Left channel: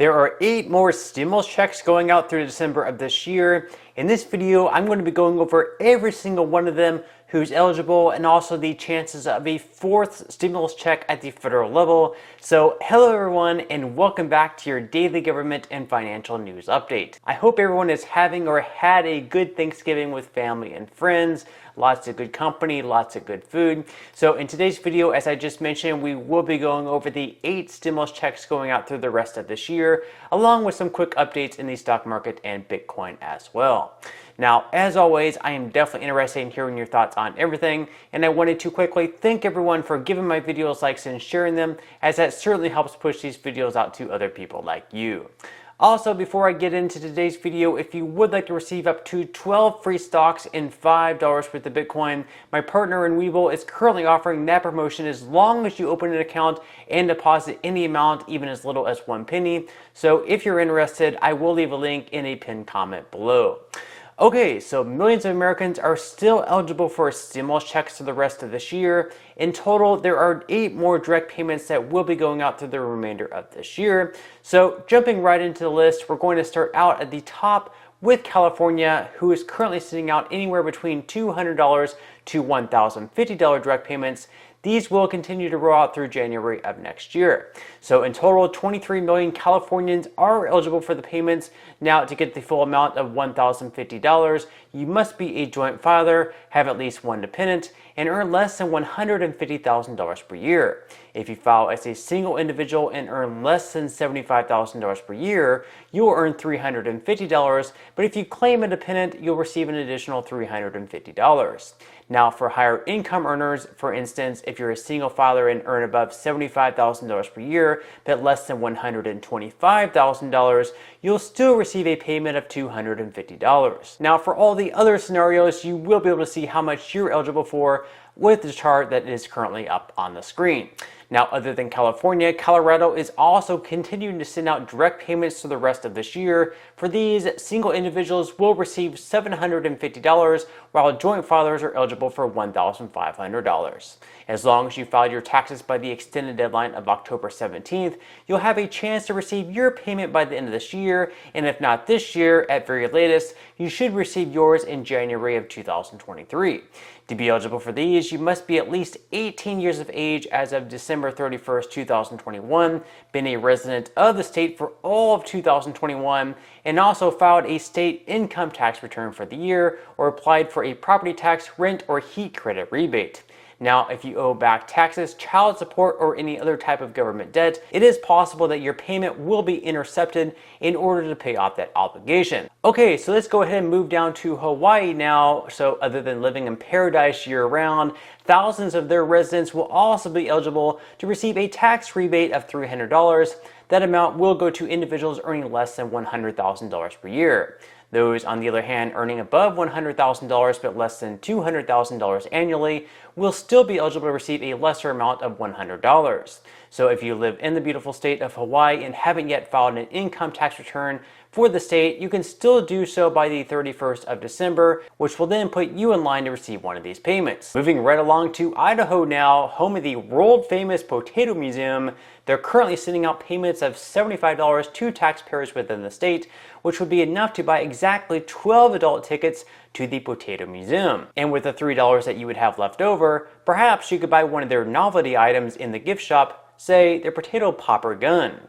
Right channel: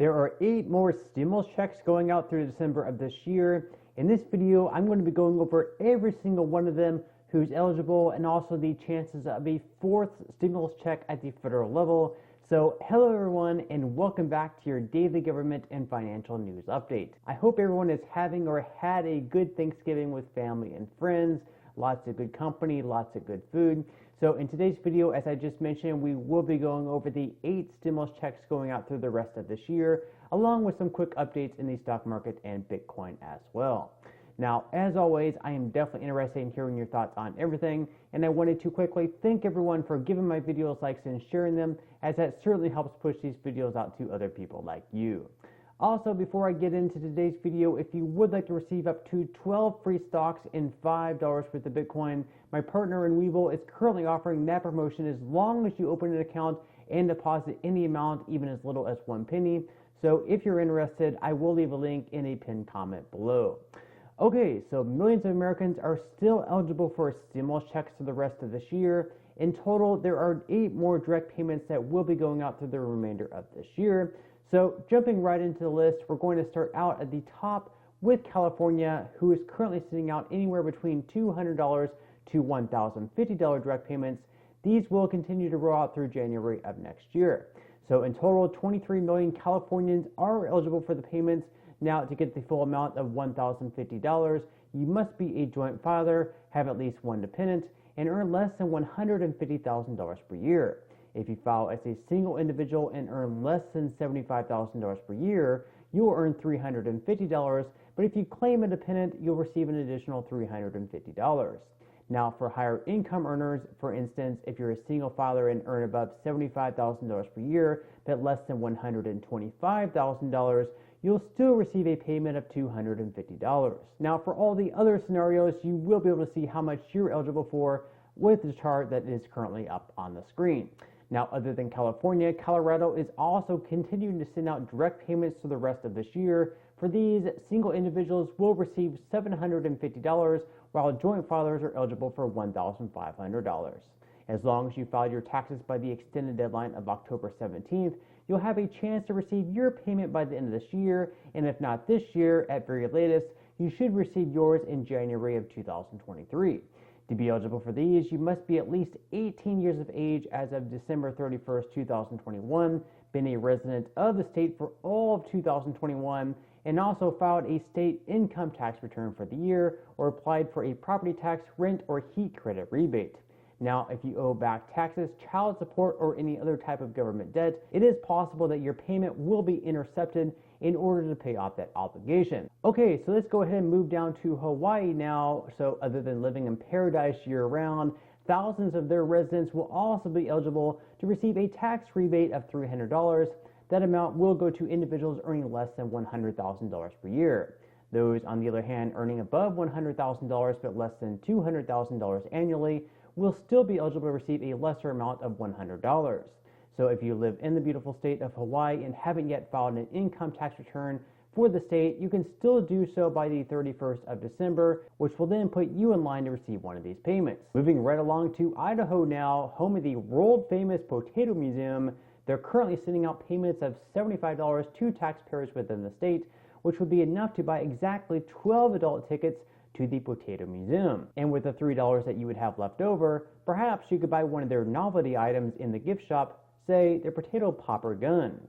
There are 8 more stimulus checks going out through December of this year. In this video, I'm going to be going over every single one of them, who's eligible, and also the chances of a 4th stimulus check at the federal level. So hello everyone, and welcome back to your daily government and financial news update. I hope everyone is having or had a good Thanksgiving with family and friends. Lots of good company, lots of good food. So in today's video, as I just mentioned, we will be going over the 8 stimulus checks going out through the rest of this year, along with some quick updates in the stock market and Bitcoin as well. Now, as always, I am definitely interested in hearing your thoughts on everything, and I wanted to quickly thank everyone for giving my videos likes and sharing them, as that certainly helps push these videos out to other people like you. Also, before I get into today's video, if you would like to receive up to 12 free stocks and $5 worth of Bitcoin, my partner in Webull is currently offering that promotion as long as you open an account and deposit any amount, even as little as 1 penny. So if you're interested, I will leave a link in a pinned comment below. Okay, so millions of Americans are still eligible for stimulus checks for the rest of this year. In total, there are 8 more direct payments that will be going out through the remainder of this year. So jumping right into the list, we're going to start out at the top with California, who is currently sitting out anywhere between $200 to $1,050 direct payments. These will continue to roll out through January of next year. So in total, 23 million Californians are eligible for the payments. Now, to get the full amount of $1,050, you must be a joint filer, have at least 1 dependent, and earn less than $150,000 per year. If you file as a single individual and earn less than $75,000 per year, you will earn $350, but if you claim a dependent, you'll receive an additional $350. Now, for higher income earners, for instance, if you're a single filer and earn above $75,000 per year, but less than $125,000, you'll still receive a payment of $250. Now, for all the other scenarios, you will be able to see how much you're eligible for with the chart that is currently up on the screen. Now, other than California, Colorado is also continuing to send out direct payments to the rest of this year. For these, single individuals will receive $750, while joint filers are eligible for $1,500. As long as you filed your taxes by the extended deadline of October 17th, you'll have a chance to receive your payment by the end of this year, and if not this year, at very latest, you should receive yours in January of 2023. To be eligible for these, you must be at least 18 years of age as of December 31st, 2021, been a resident of the state for all of 2021, and also filed a state income tax return for the year or applied for a property tax, rent, or heat credit rebate. Now, if you owe back taxes, child support, or any other type of government debt, it is possible that your payment will be intercepted in order to pay off that obligation. Okay, so let's go ahead and move down to Hawaii now. So other than living in paradise year-round, thousands of their residents will also be eligible to receive a tax rebate of $300. That amount will go to individuals earning less than $100,000 per year. Those, on the other hand, earning above $100,000 but less than $200,000 annually will still be eligible to receive a lesser amount of $100. So if you live in the beautiful state of Hawaii and haven't yet filed an income tax return for the state, you can still do so by the 31st of December, which will then put you in line to receive one of these payments. Moving right along to Idaho now, home of the world-famous Potato Museum. They're currently sending out payments of $75 to taxpayers within the state, which would be enough to buy exactly 12 adult tickets to the Potato Museum. And with the $3 that you would have left over, perhaps you could buy one of their novelty items in the gift shop, say their potato popper gun.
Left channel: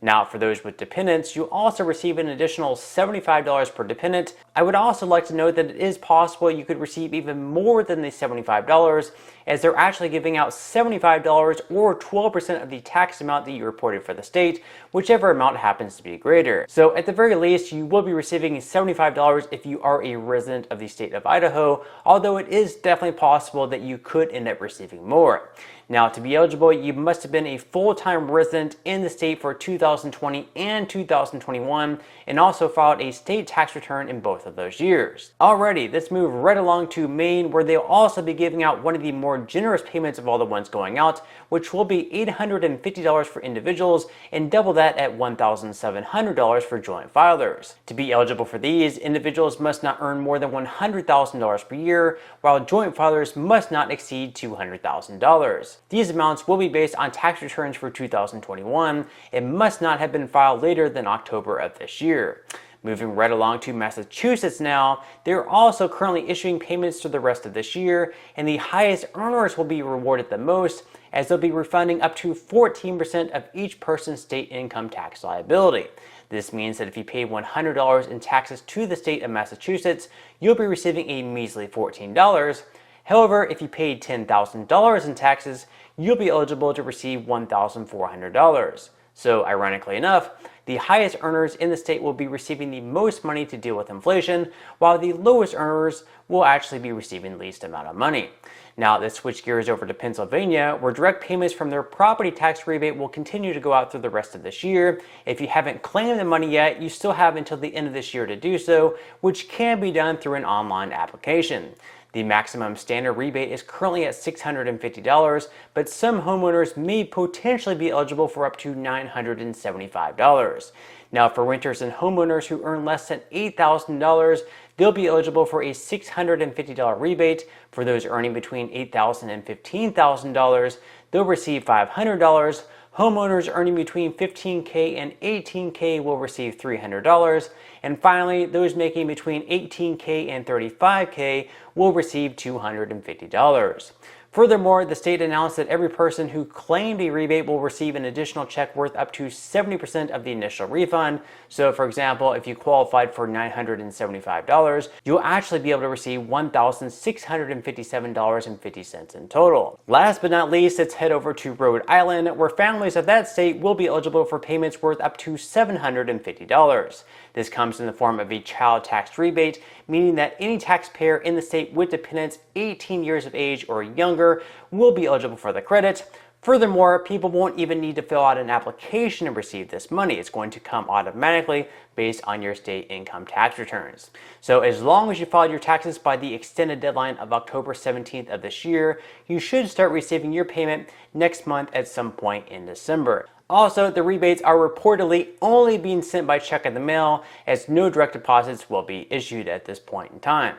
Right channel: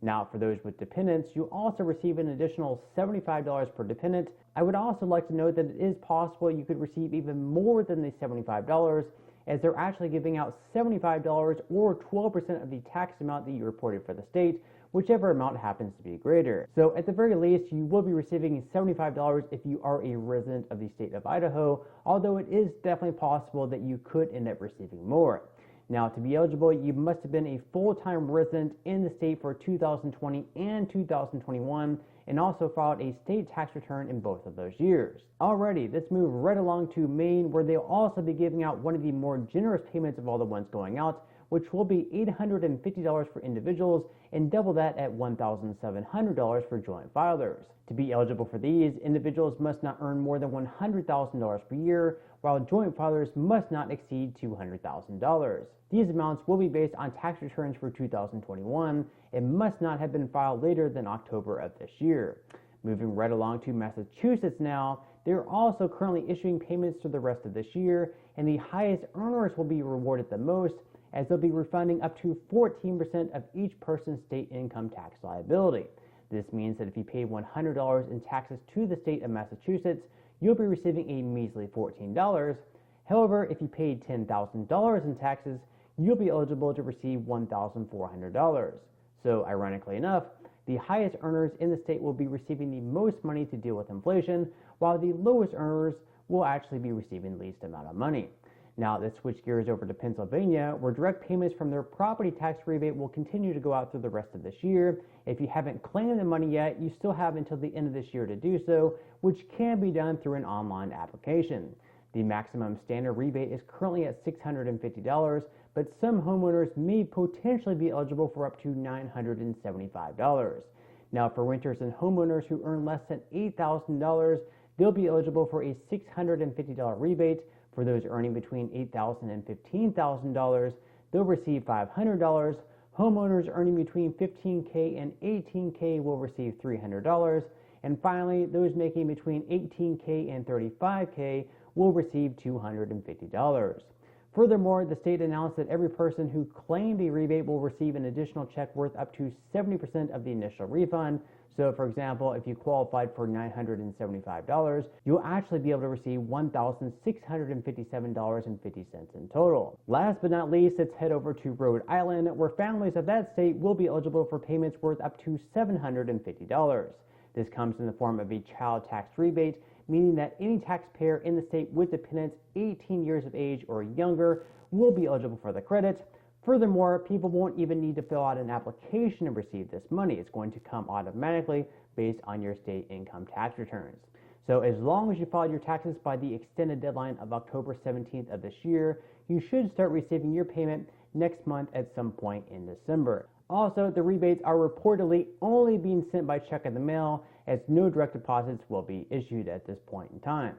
Now, for those with dependents, you also receive an additional $75 per dependent. I would also like to note that it is possible you could receive even more than the $75, as they're actually giving out $75 or 12% of the tax amount that you reported for the state, whichever amount happens to be greater. So at the very least, you will be receiving $75 if you are a resident of the state of Idaho, although it is definitely possible that you could end up receiving more. Now, to be eligible, you must have been a full-time resident in the state for 2020 and 2021, and also filed a state tax return in both of those years. Alrighty, let's move right along to Maine, where they'll also be giving out one of the more generous payments of all the ones going out, which will be $850 for individuals and double that at $1,700 for joint filers. To be eligible for these, individuals must not earn more than $100,000 per year, while joint filers must not exceed $200,000. These amounts will be based on tax returns for 2021 and must not have been filed later than October of this year. Moving right along to Massachusetts now, they're also currently issuing payments for the rest of this year, and the highest earners will be rewarded the most, as they'll be refunding up to 14% of each person's state income tax liability. This means that if you pay $100 in taxes to the state of Massachusetts, you'll be receiving a measly $14. However, if you paid $10,000 in taxes, you'll be eligible to receive $1,400. So, ironically enough, the highest earners in the state will be receiving the most money to deal with inflation, while the lowest earners will actually be receiving the least amount of money. Now, let's switch gears over to Pennsylvania, where direct payments from their property tax rebate will continue to go out through the rest of this year. If you haven't claimed the money yet, you still have until the end of this year to do so, which can be done through an online application. The maximum standard rebate is currently at $650, but some homeowners may potentially be eligible for up to $975. Now, for renters and homeowners who earn less than $8,000, they'll be eligible for a $650 rebate. For those earning between $8,000 and $15,000, they'll receive $500. Homeowners earning between $15K and $18K will receive $300. And finally, those making between $18K and $35K will receive $250. Furthermore, the state announced that every person who claimed a rebate will receive an additional check worth up to 70% of the initial refund. So, for example, if you qualified for $975, you'll actually be able to receive $1,657.50 in total. Last but not least, let's head over to Rhode Island, where families of that state will be eligible for payments worth up to $750. This comes in the form of a child tax rebate, meaning that any taxpayer in the state with dependents 18 years of age or younger will be eligible for the credit. Furthermore, people won't even need to fill out an application to receive this money. It's going to come automatically based on your state income tax returns. So as long as you filed your taxes by the extended deadline of October 17th of this year, you should start receiving your payment next month at some point in December. Also, the rebates are reportedly only being sent by check in the mail, as no direct deposits will be issued at this point in time.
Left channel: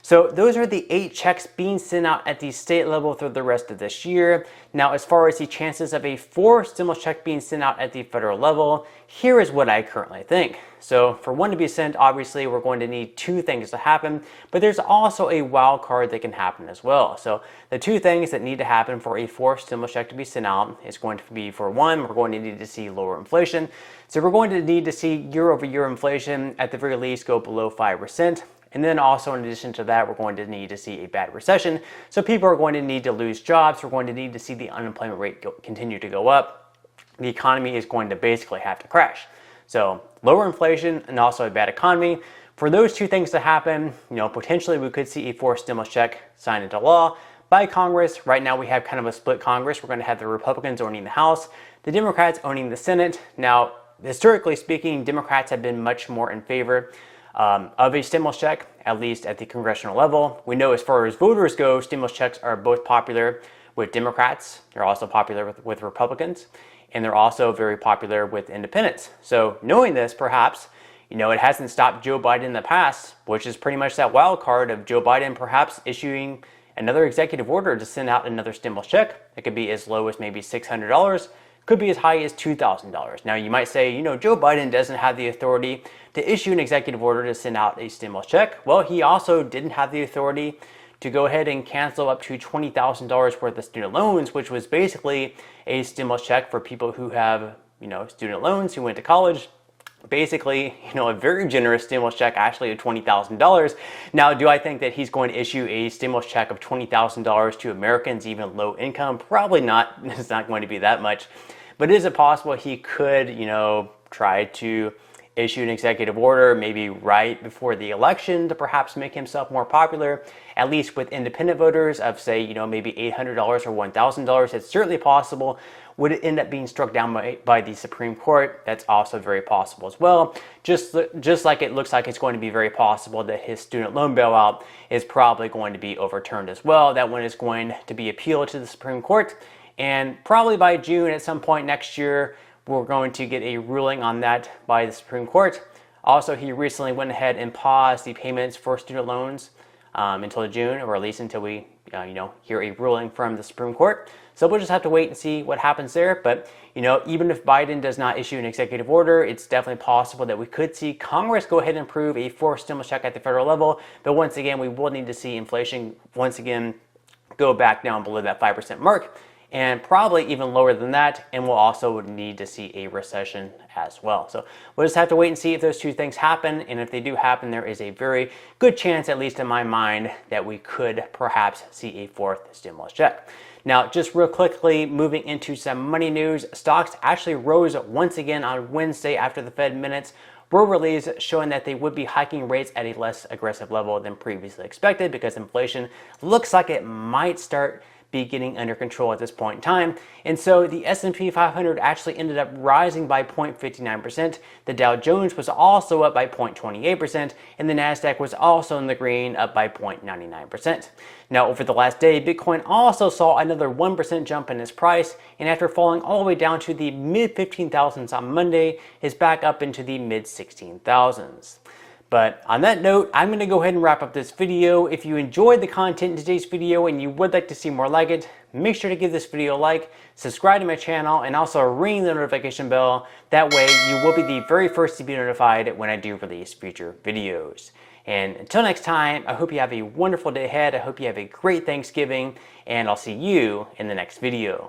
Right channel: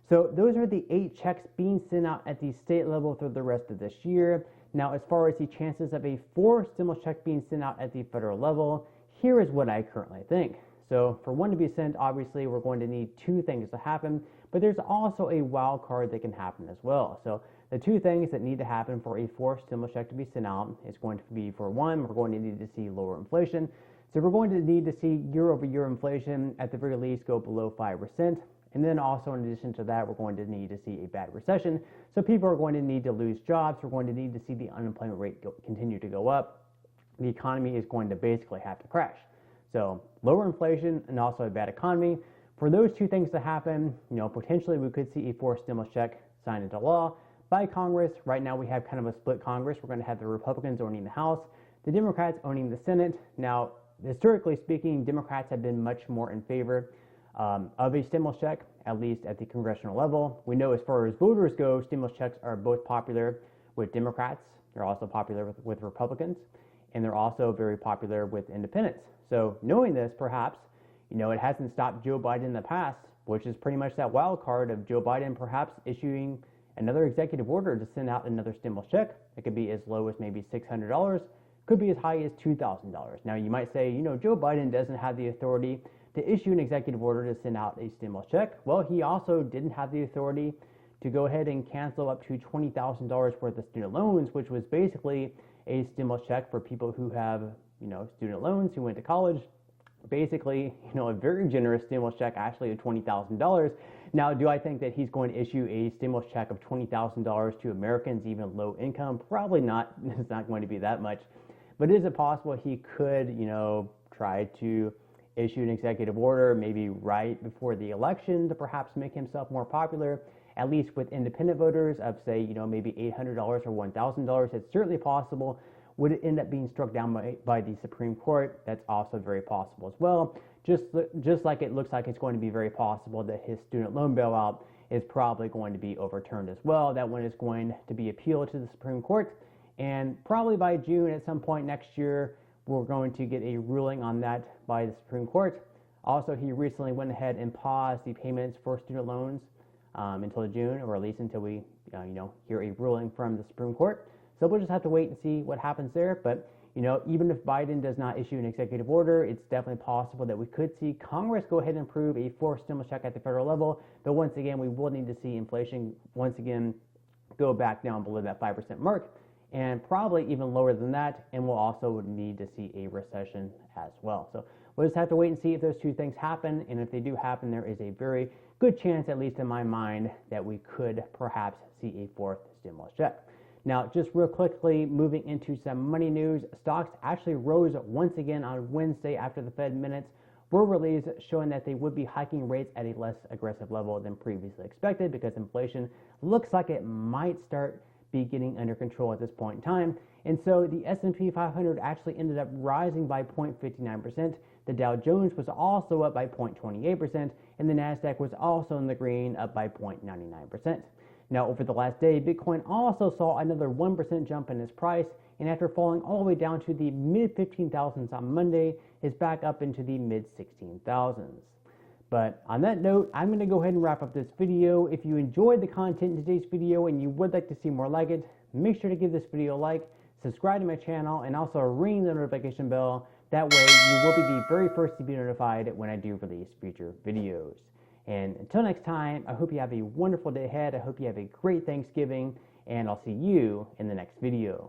So those are the 8 checks being sent out at the state level through the rest of this year. Now, as far as the chances of a 4th stimulus check being sent out at the federal level, here is what I currently think. So for one to be sent, obviously we're going to need 2 things to happen, but there's also a wild card that can happen as well. So the 2 things that need to happen for a 4th stimulus check to be sent out is going to be, for one, we're going to need to see lower inflation. So we're going to need to see year-over-year inflation at the very least go below 5%. And then also, in addition to that, we're going to need to see a bad recession. So people are going to need to lose jobs. We're going to need to see the unemployment rate continue to go up. The economy is going to basically have to crash. So lower inflation and also a bad economy. For those 2 things to happen, potentially we could see a 4th stimulus check signed into law by Congress. Right now we have kind of a split Congress. We're going to have the Republicans owning the House, the Democrats owning the Senate. Now, historically speaking, Democrats have been much more in favor of a stimulus check, at least at the congressional level. We know as far as voters go, stimulus checks are both popular with Democrats. They're also popular with Republicans, and they're also very popular with independents. So knowing this, perhaps, it hasn't stopped Joe Biden in the past, which is pretty much that wild card of Joe Biden perhaps issuing another executive order to send out another stimulus check. It could be as low as maybe $600, could be as high as $2,000. Now you might say, Joe Biden doesn't have the authority to issue an executive order to send out a stimulus check. Well, he also didn't have the authority to go ahead and cancel up to $20,000 worth of student loans, which was basically a stimulus check for people who have, student loans, who went to college. Basically, a very generous stimulus check, actually of $20,000. Now, do I think that he's going to issue a stimulus check of $20,000 to Americans, even low income? Probably not. It's not going to be that much. But is it possible he could, try to issue an executive order maybe right before the election to perhaps make himself more popular, at least with independent voters, of say, maybe $800 or $1,000? It's certainly possible. Would it end up being struck down by the Supreme Court? That's also very possible as well. Just like it looks like it's going to be very possible that his student loan bailout is probably going to be overturned as well. That one is going to be appealed to the Supreme Court, and probably by June at some point next year, we're going to get a ruling on that by the Supreme Court. Also, he recently went ahead and paused the payments for student loans until June, or at least until we hear a ruling from the Supreme Court. So we'll just have to wait and see what happens there. But even if Biden does not issue an executive order, it's definitely possible that we could see Congress go ahead and approve a fourth stimulus check at the federal level. But once again, we will need to see inflation once again go back down below that 5% mark, and probably even lower than that, and we'll also need to see a recession as well. So we'll just have to wait and see if those two things happen, and if they do happen, there is a very good chance, at least in my mind, that we could perhaps see a fourth stimulus check. Now, just real quickly, moving into some money news, stocks actually rose once again on Wednesday after the Fed minutes were released, showing that they would be hiking rates at a less aggressive level than previously expected, because inflation looks like it might start be getting under control at this point in time. And so the S&P 500 actually ended up rising by 0.59%. The Dow Jones was also up by 0.28%, and the Nasdaq was also in the green, up by 0.99%. Now, over the last day, Bitcoin also saw another 1% jump in its price, and after falling all the way down to the mid 15,000s on Monday, is back up into the mid 16,000s. But on that note, I'm going to go ahead and wrap up this video. If you enjoyed the content in today's video and you would like to see more like it, make sure to give this video a like, subscribe to my channel, and also ring the notification bell. That way you will be the very first to be notified when I do release future videos. And until next time, I hope you have a wonderful day ahead. I hope you have a great Thanksgiving, and I'll see you in the next video.